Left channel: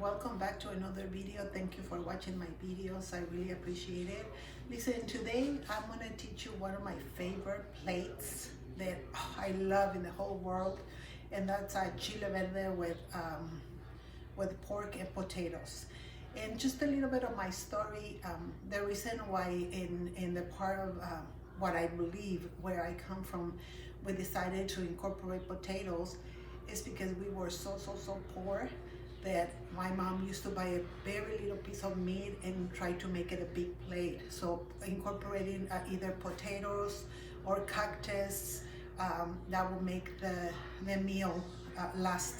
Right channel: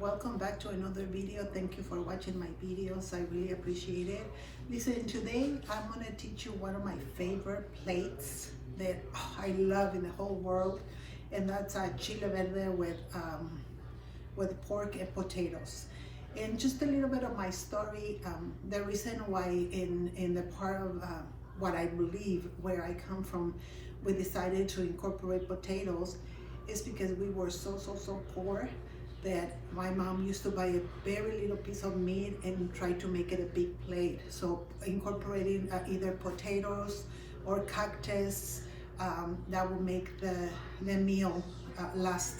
welcome back to another video. Thank you for watching my videos. I really appreciate it. Listen, today I'm going to teach you one of my favorite plates that I love in the whole world, and that's a chile verde with pork and potatoes. And just a little bit of my story. The reason why in the part of what I believe, where I come from, we decided to incorporate potatoes is because we were so poor that my mom used to buy a very little piece of meat and try to make it a big plate. So incorporating either potatoes or cactus, that will make the meal last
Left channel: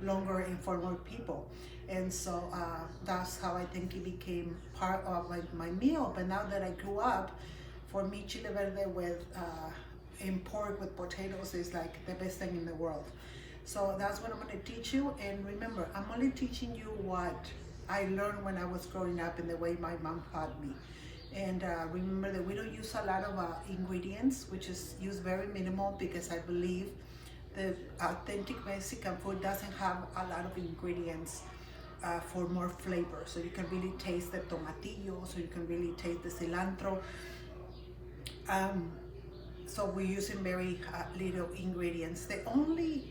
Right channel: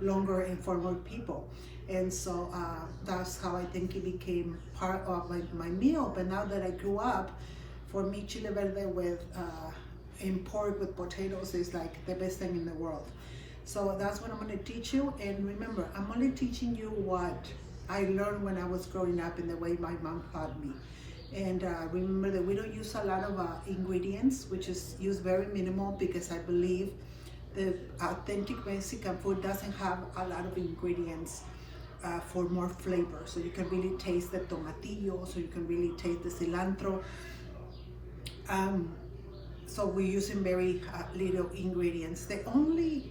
longer and for more people. And so that's how I think it became part of my meal. But now that I grew up, for me, chile verde with and pork with potatoes is like the best thing in the world. So that's what I'm going to teach you. And remember, I'm only teaching you what I learned when I was growing up and the way my mom taught me. And remember that we don't use a lot of ingredients, which is used very minimal, because I believe the authentic Mexican food doesn't have a lot of ingredients for more flavor. So you can really taste the tomatillo, so you can really taste the cilantro. So we're using very little ingredients. The only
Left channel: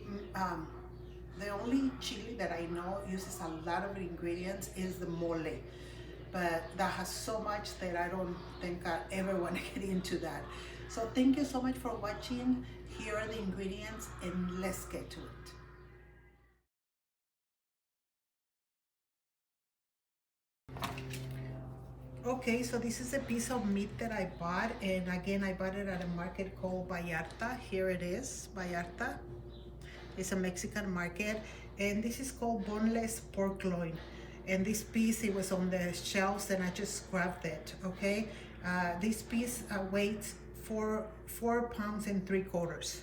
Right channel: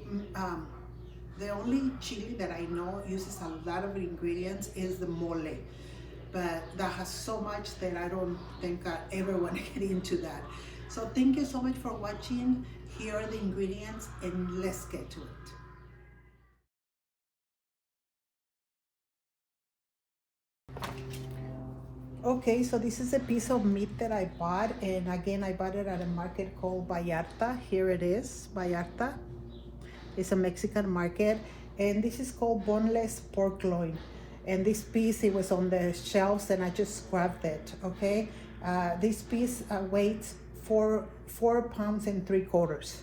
chili that I know uses a lot of ingredients is the mole, but that has so much that I don't think I ever want to get into that. So thank you so much for watching. Here are the ingredients, and let's get to it. Okay, so this is a piece of meat that I bought, and again, I bought it at a market called Vallarta. Here it is, Vallarta. It's a Mexican market, and this is called boneless pork loin. And this piece, it was on the shelves, and I just grabbed it. Okay, this piece weighs 4 pounds and 3/4,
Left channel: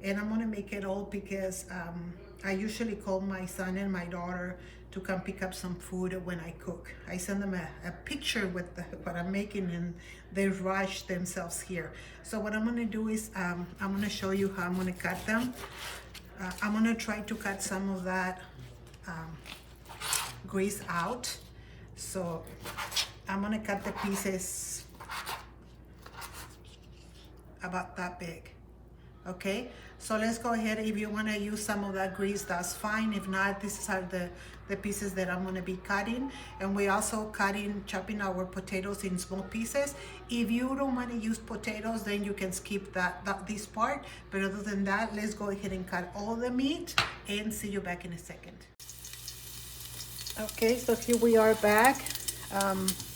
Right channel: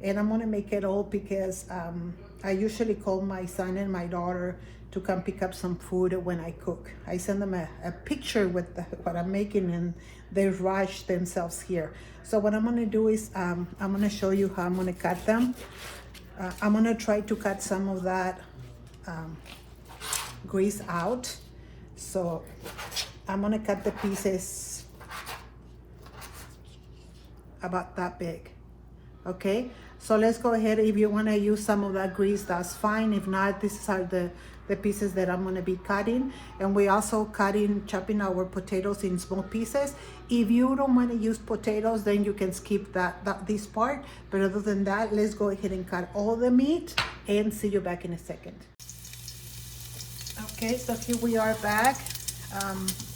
and I'm gonna make it all because I usually call my son and my daughter to come pick up some food when I cook. I send them a picture with what I'm making, and they rush themselves here. So what I'm gonna do is I'm gonna show you how I'm gonna cut them. I'm gonna try to cut some of that grease out. So I'm gonna cut the pieces about that big. Okay, so let's go ahead. If you want to use some of that grease, that's fine. If not, these are the pieces that I'm going to be cutting. And we're also chopping our potatoes in small pieces. If you don't want to use potatoes, then you can skip this part. But other than that, let's go ahead and cut all the meat, and see you back in a second. Okay, so here we are back.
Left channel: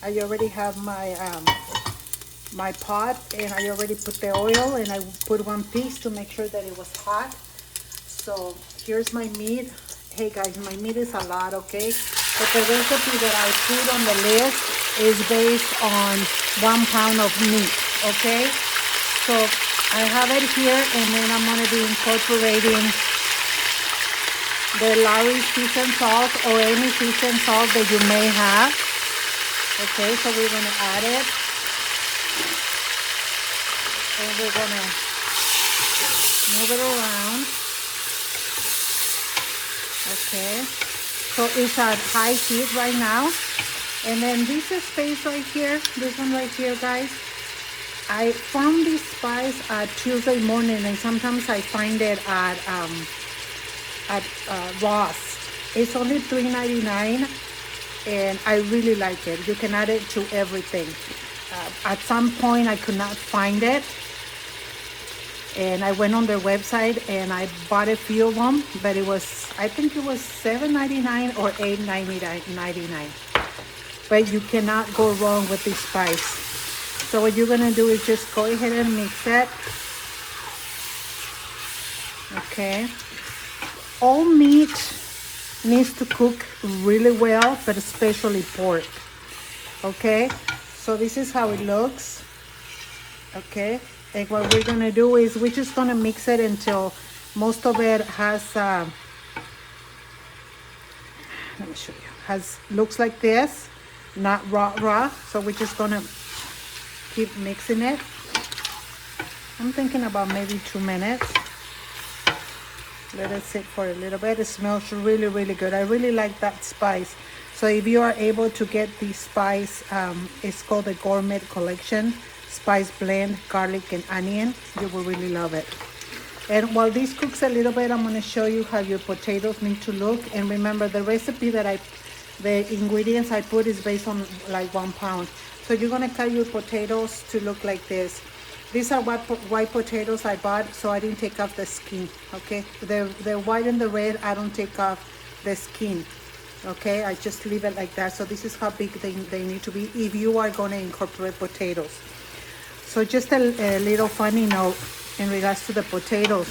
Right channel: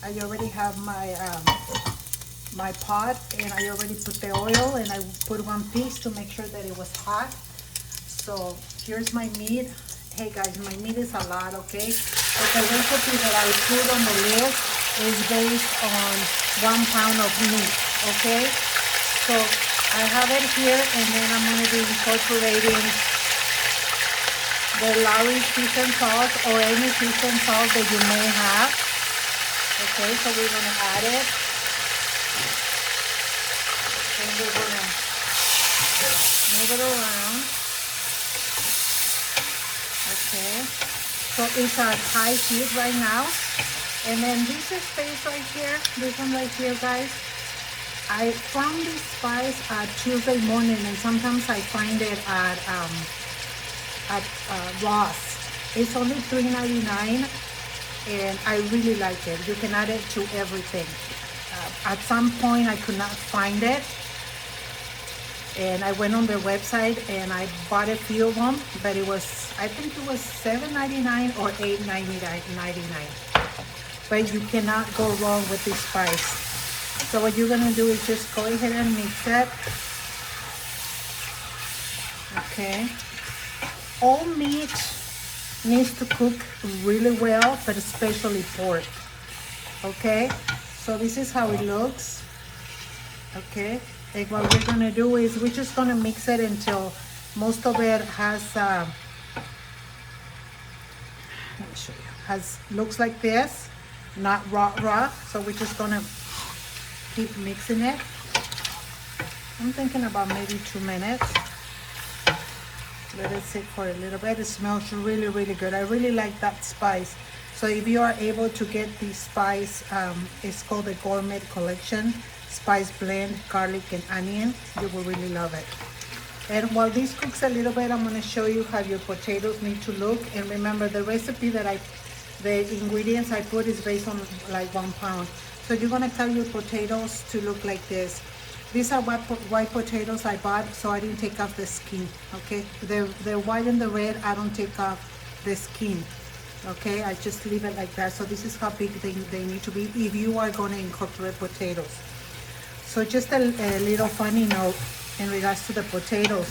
I already have my pot, and I already put the oil, and I put one piece to make sure that it was hot. So here's my meat. Hey guys, my meat is a lot, okay? But the recipe that I put on the list is based on 1 pound of meat, okay? So I have it here, and then I'm gonna be incorporating the Lawry's seasoned salt or any seasoned salt that you may have. Okay, so we're gonna add it. And we're gonna move it around. Okay, so it's at high heat right now. And then this space right here, this one right here, guys, I found this spice Tuesday morning, and sometimes I find it at Ross. It's only $3.99, and I really like it. You can add it to everything. At some point I could not find it, and I went on their website and I bought a few of them, but it was, I think it was $7.99 or $8.99. But you cannot go wrong with this spice. So what you're gonna do is just go ahead and mix it. Okay. All meat needs to cook really well, but especially pork. Okay. So this is how it looks. Okay. And what we're gonna do is we're just gonna mix it until most of it has let me show you, looks like this, not raw. So we're just gonna keep mixing it. I'm thinking about maybe 2 minutes. Let it sit for a little bit. It smells really, really good. I really like that spice. So if you are able to get the spice, it's called the Gourmet Collection Spice Blend, Garlic and Onion. You will really love it. And while this cooks a little bit, I'm going to show you how your potatoes need to look. And remember, the recipe that the ingredients I put is based on like 1 pound. So you're going to cut your potatoes to look like this. These are white potatoes I bought, so I didn't take off the skin, okay? The white and the red, I don't take off the skin, okay? I just leave it like that. So this is how big they need to be if you are going to incorporate potatoes. So just a little funny note in regards to the potatoes.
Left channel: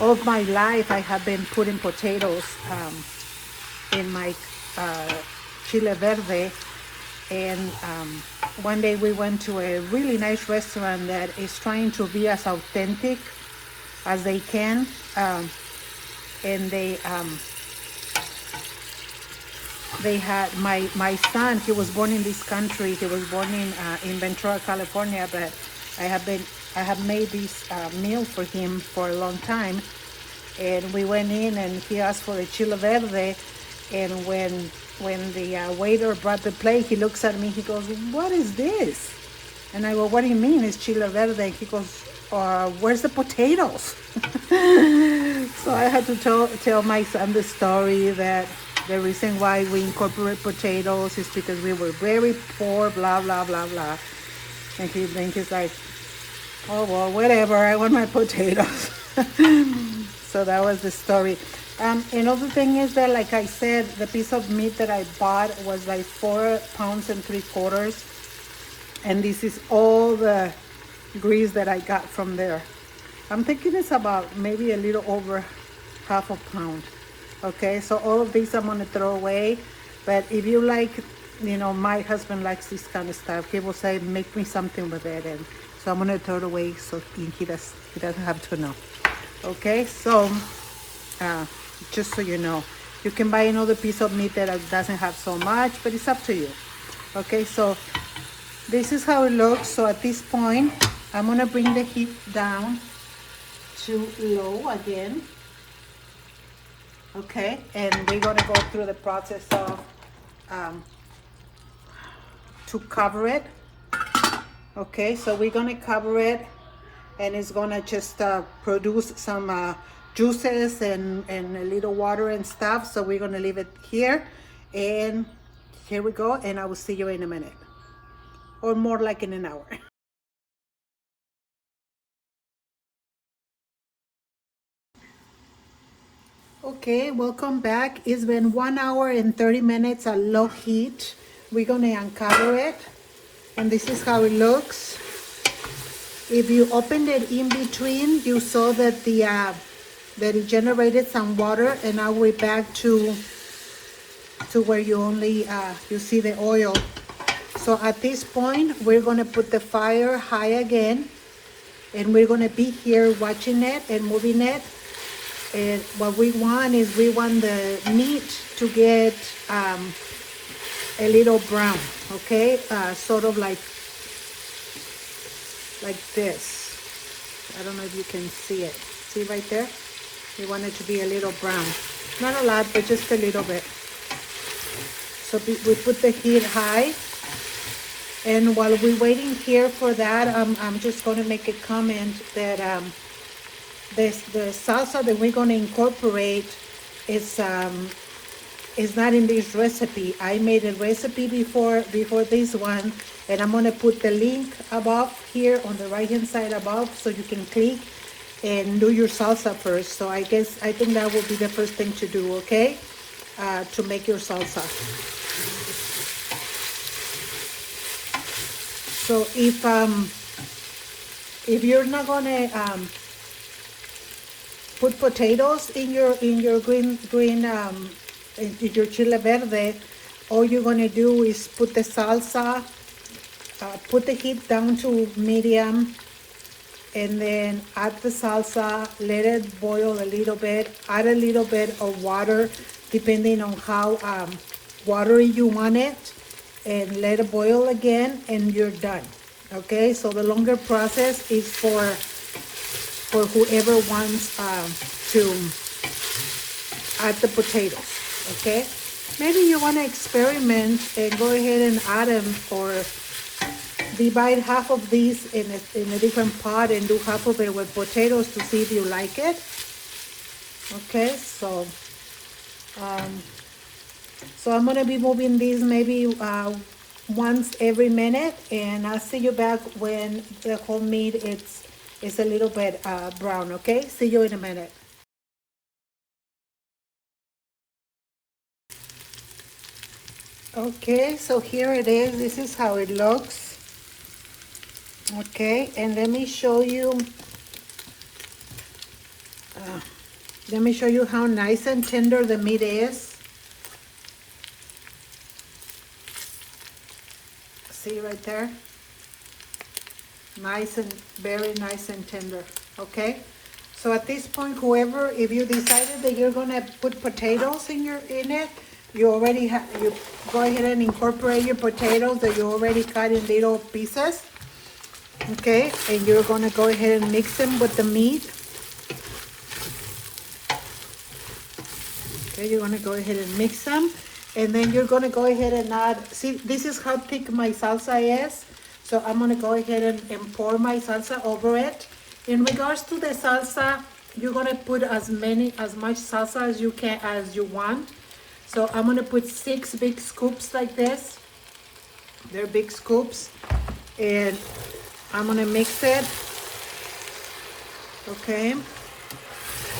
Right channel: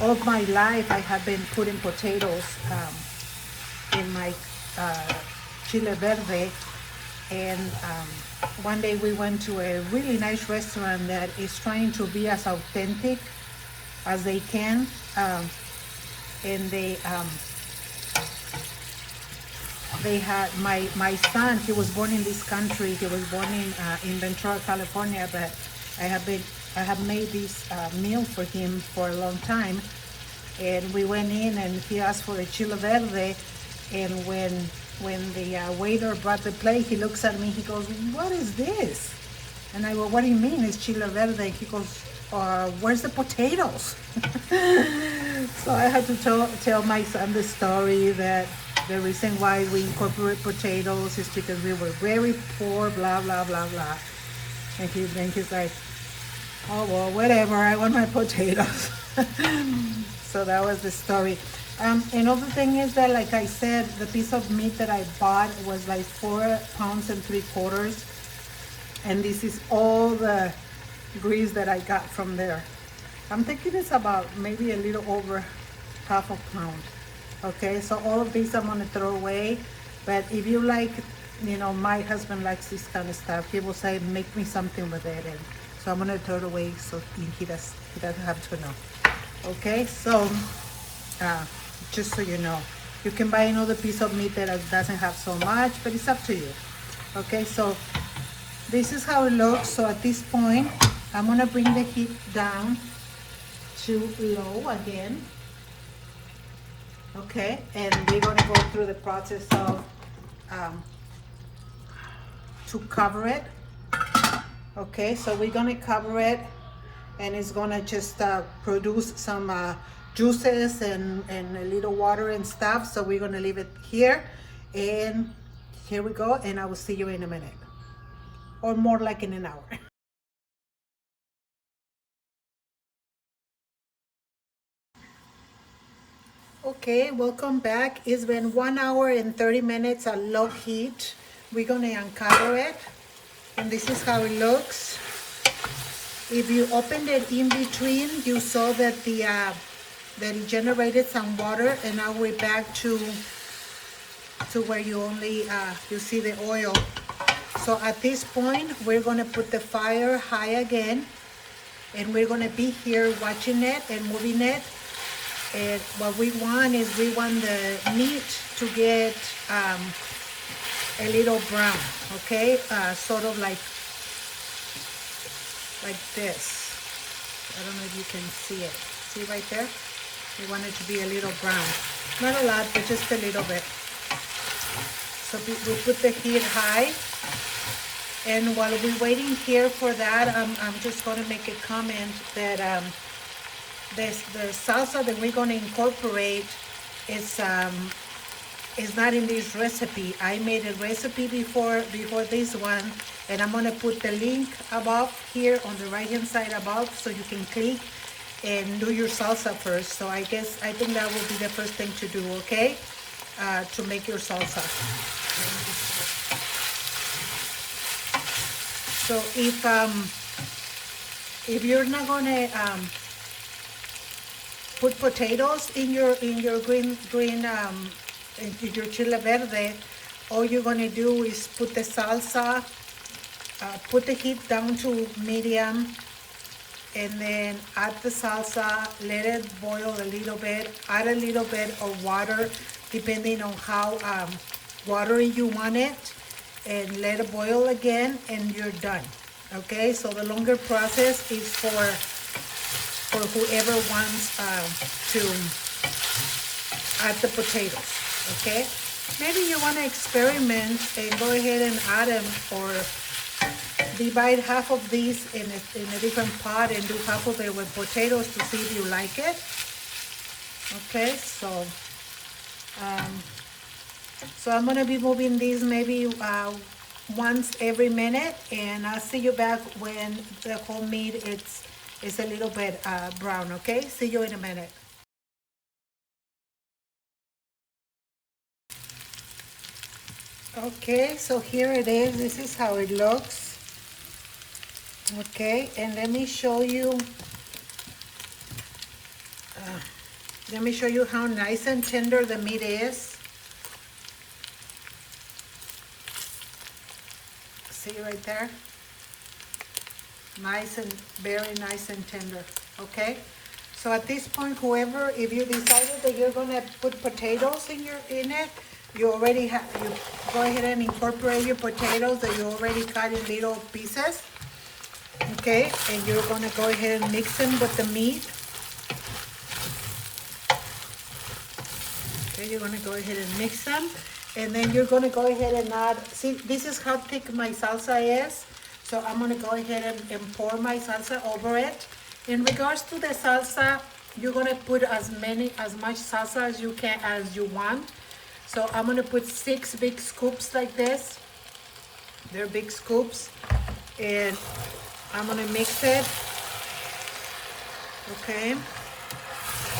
All of my life, I have been putting potatoes in my chile verde. And one day we went to a really nice restaurant that is trying to be as authentic as they can, and they had my son. He was born in this country. He was born in Ventura, California, but I have made this meal for him for a long time. And we went in and he asked for a chile verde, and when the waiter brought the plate, he looks at me, he goes, "What is this?" And I go, "What do you mean it's chile verde?" He goes, "Where's the potatoes?" So I had to tell my son the story that the reason why we incorporate potatoes is because we were very poor, blah, blah, blah, blah. And he's like, "Oh, well, whatever, I want my potatoes." So that was the story. Another thing is that, like I said, the piece of meat that I bought was like 4 pounds and 3/4. And this is all the grease that I got from there. I'm thinking it's about maybe a little over half a pound. Okay, so all of these I'm going to throw away. But if you like, you know, my husband likes this kind of stuff. He will say, "Make me something with it." And so I'm going to throw it away so he doesn't have to know. Okay, so just so you know, you can buy another piece of meat that doesn't have so much, but it's up to you. Okay, so this is how it looks. So at this point, I'm going to bring the heat down to low again. Okay, and we're going to go through the process of to cover it. Okay, so we're going to cover it, and it's going to just produce some juices and a little water and stuff. So we're going to leave it here, and here we go, and I will see you in a minute, or more like in an hour. Okay, welcome back. It's been 1 hour and 30 minutes at low heat. We're going to uncover it, and this is how it looks. If you opened it in between, you saw that that it generated some water, and now we're back to where you only you see the oil. So at this point, we're going to put the fire high again, and we're going to be here watching it and moving it. And what we want is the meat to get a little brown, okay, sort of like this. I don't know if you can see it. See right there? We want it to be a little brown. Not a lot, but just a little bit. So we put the heat high. And while we're waiting here for that, I'm just going to make a comment that the salsa that we're going to incorporate is not in this recipe. I made a recipe before this one, and I'm going to put the link above here on the right hand side above, so you can click and do your salsa first. So I think that will be the first thing to do, okay, to make your salsa. So if you're not gonna put potatoes in your green in your chile verde, all you're gonna do is put the salsa, put the heat down to medium, and then add the salsa, let it boil a little bit, add a little bit of water depending on how watery you want it, and let it boil again, and you're done. Okay, so the longer process is for whoever wants to add the potatoes, okay? Maybe you want to experiment and go ahead and add them, or divide half of these in a different pot and do half of it with potatoes to see if you like it. Okay, so I'm going to be moving these maybe once every minute, and I'll see you back when the whole meat is a little bit brown, okay? See you in a minute. Okay, so here it is. This is how it looks. Okay, and let me show you how nice and tender the meat is. See right there? Nice and very nice and tender. Okay, so at this point, whoever, if you decided that you're gonna put potatoes in it, you already have, you go ahead and incorporate your potatoes that you already cut in little pieces. Okay, and you're gonna go ahead and mix them with the meat. Okay, you're gonna go ahead and mix them, and then you're gonna go ahead and add, see, this is how thick my salsa is. So I'm gonna go ahead and pour my salsa over it. In regards to the salsa, you're gonna put as much salsa as you can, as you want. So I'm gonna put 6 big scoops like this. They're big scoops, and I'm gonna mix it. Okay.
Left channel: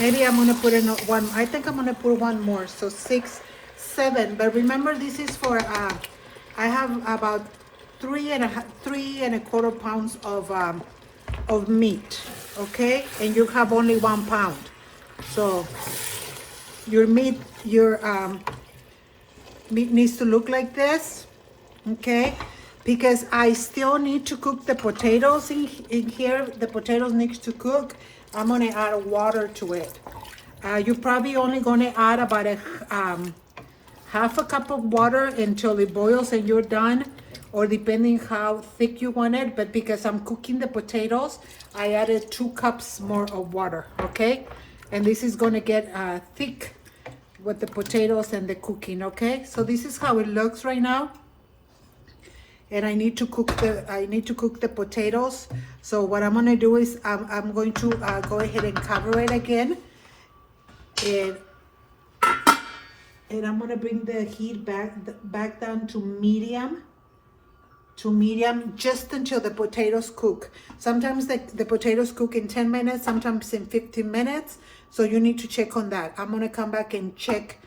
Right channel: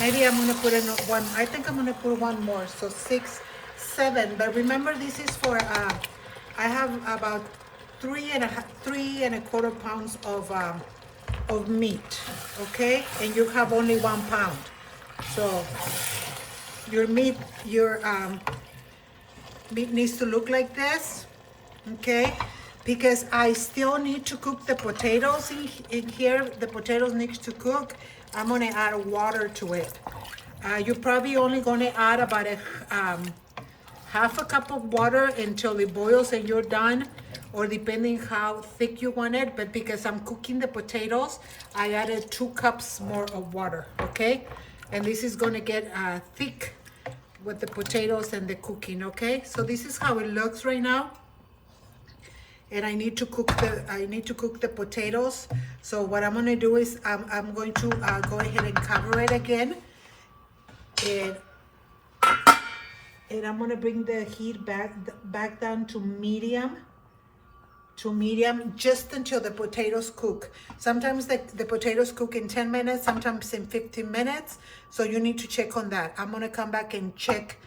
Maybe I'm gonna put in one. I think I'm gonna put one more. So 6, 7. But remember, this is for. I have about 3.25 pounds of meat. Okay, and you have only 1 pound. So your meat needs to look like this. Okay, because I still need to cook the potatoes in here. The potatoes need to cook. I'm gonna add water to it. You're probably only gonna add about half a cup of water until it boils and you're done, or depending how thick you want it. But because I'm cooking the potatoes, I added 2 cups more of water, okay? And this is gonna get thick with the potatoes and the cooking, okay? So this is how it looks right now. And I need to cook the potatoes. So what I'm gonna do is I'm going to go ahead and cover it again, and I'm gonna bring the heat back down to medium, just until the potatoes cook. Sometimes the potatoes cook in 10 minutes, sometimes in 15 minutes. So you need to check on that. I'm gonna come back and check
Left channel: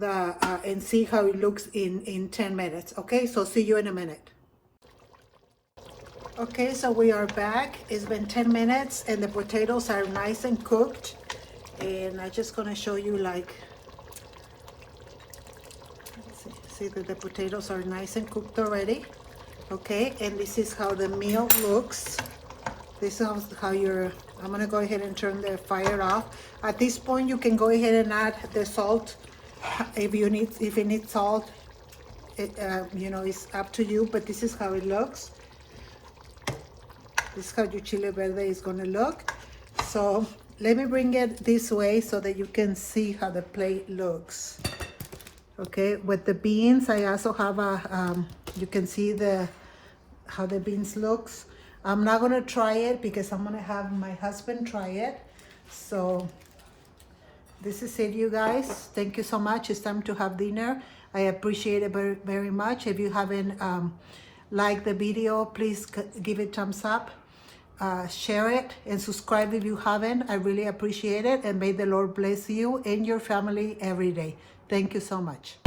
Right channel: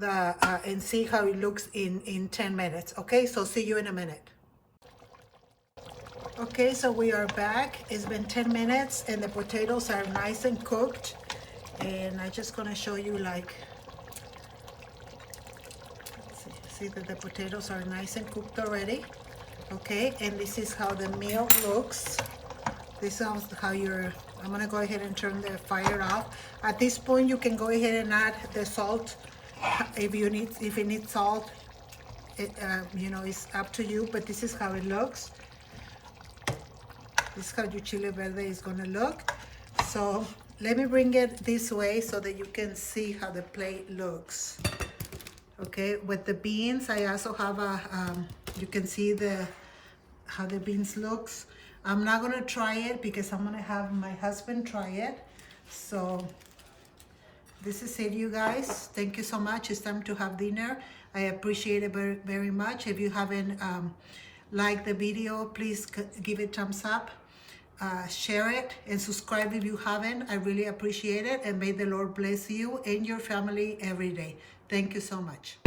and see how it looks in 10 minutes. Okay, so see you in a minute. Okay, so we are back. It's been 10 minutes and the potatoes are nice and cooked. And I'm just gonna show you, like, see that the potatoes are nice and cooked already. Okay, and this is how the meal looks. This is how I'm gonna go ahead and turn the fire off. At this point, you can go ahead and add the salt if you need salt. You know, it's up to you, but this is how it looks. This is how your chile verde is gonna look. So let me bring it this way so that you can see how the plate looks. Okay, with the beans, I also have you can see how the beans looks. I'm not gonna try it because I'm gonna have my husband try it. So this is it, you guys. Thank you so much. It's time to have dinner. I appreciate it very, very much. If you haven't liked the video, please give it a thumbs up. Share it and subscribe if you haven't. I really appreciate it, and may the Lord bless you and your family every day. Thank you so much.